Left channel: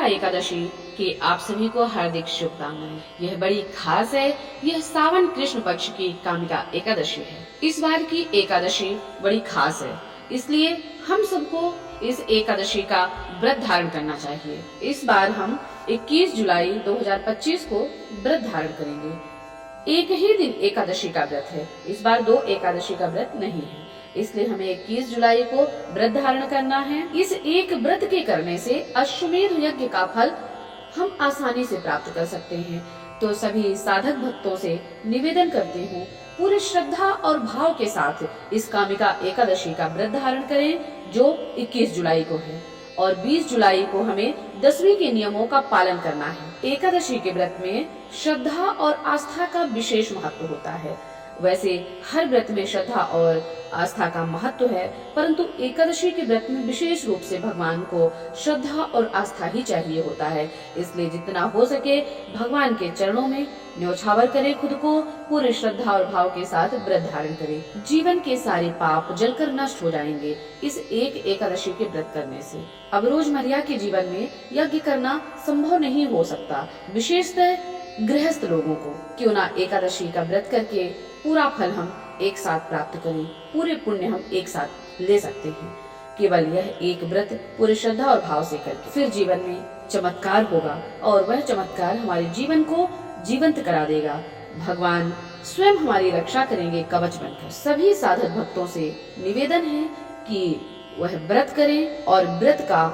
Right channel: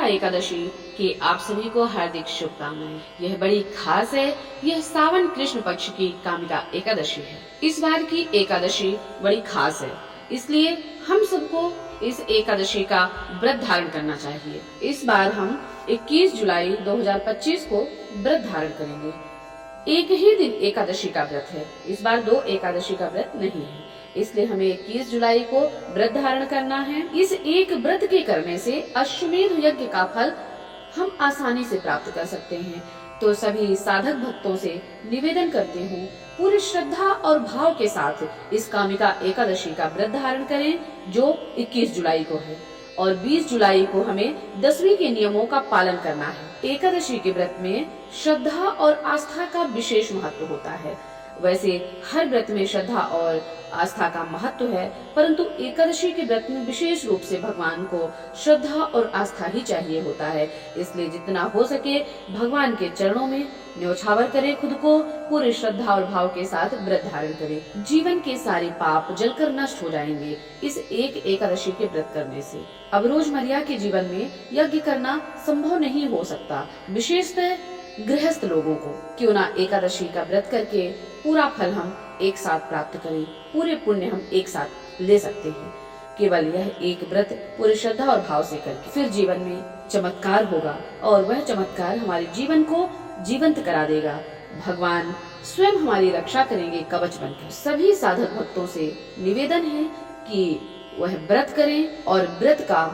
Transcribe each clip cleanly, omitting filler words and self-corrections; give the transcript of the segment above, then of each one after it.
निर्जला एकादशी की आप सभी को हार्दिक शुभकामनाएं। यह बड़ी खास है। यह सावन कृष्ण पक्ष की कामिका एकादशी है। इस बार की एकादशी बड़ी खास है, इसलिए हम सबको इस एकादशी का व्रत धारण करना चाहिए। इस बार हम 21 जुलाई 2025 को व्रत धारण करेंगे। एक ही दिन एकादशी का व्रत है, इस बार 2 एकादशी का व्रत नहीं है, इसलिए हमें 21 जुलाई को व्रत धारण करना है। इस एक व्रत के करने से अश्वमेध यज्ञ का फल हम आसानी से प्राप्त कर सकते हैं। तो सभी साधक भक्तों से निवेदन करती हूँ, पूरे श्रद्धा और भाव के साथ इस कामिका एकादशी का व्रत धारण करें, जो 21 जुलाई को है। और 20 जुलाई को हमें 10वीं के नियमों का पालन करना है। एकादशी के व्रत में श्रद्धा और आस्था का विशेष महत्व होता है। वैसे हर व्रत में श्रद्धा और आस्था का महत्व है, परंतु एकादशी के व्रत में विशेष रूप से भगवान को श्रद्धा और आस्था ही चाहिए होता है। इसलिए जितना हो सके भगवान के चरणों में न्योछावर करें, खुद को पूरी श्रद्धा और भाव के साथ व्रत धारण करें। जीवन के सारे पाप जलकर नष्ट हो जाएंगे इस एक एकादशी के व्रत करने से। अब रोजमर्रा के जीवन में यज्ञ करना संभव नहीं हो सकता, विशेषतः गृहस्थ लोगों को। क्यों ना एकादशी का व्रत करके पूरा फल हम एक साथ प्राप्त करें, पूरे पुण्य हम एक साथ ले सकते हैं। केवल यह एक व्रत पूरे श्रद्धा और भाव से करके फिर जीवन में चमत्कार होगा, और वह चमत्कार हमारे जीवन को जीवंत करा देगा। भगवान स्वयं हमारी रक्षा करेंगे कवच बनकर। सभी साधक भक्तों से निवेदन है कि वह व्रत करें और व्रत का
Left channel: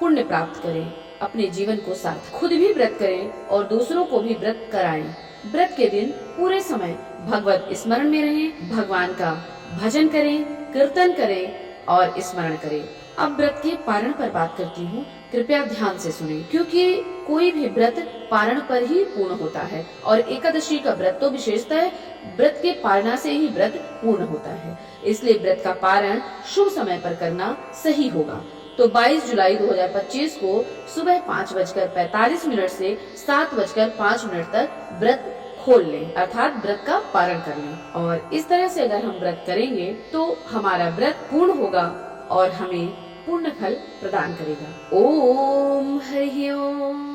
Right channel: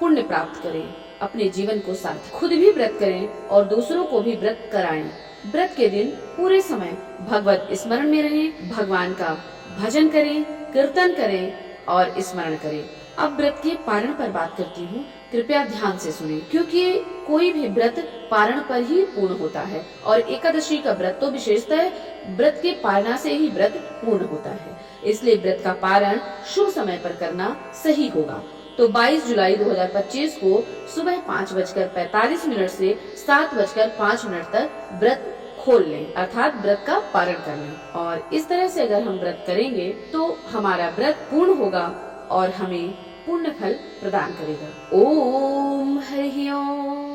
पुण्य प्राप्त करें, अपने जीवन को सार्थक। खुद भी व्रत करें और दूसरों को भी व्रत कराएं। व्रत के दिन पूरे समय भगवत स्मरण में रहें, भगवान का भजन करें, कीर्तन करें और स्मरण करें। अब व्रत के पारण पर बात करती हूँ, कृपया ध्यान से सुनें, क्योंकि कोई भी व्रत पारण पर ही पूर्ण होता है, और एकादशी का व्रत तो विशेषतः व्रत के पारणा से ही व्रत पूर्ण होता है। इसलिए व्रत का पारण शुभ समय पर करना सही होगा। तो 22 जुलाई 2025 को सुबह 5:45 से 7:05 तक व्रत खोल लें, अर्थात व्रत का पारण कर लें। और इस तरह से अगर हम व्रत करेंगे तो हमारा व्रत पूर्ण होगा और हमें पूर्ण फल प्रदान करेगा। ओम हरि ओम।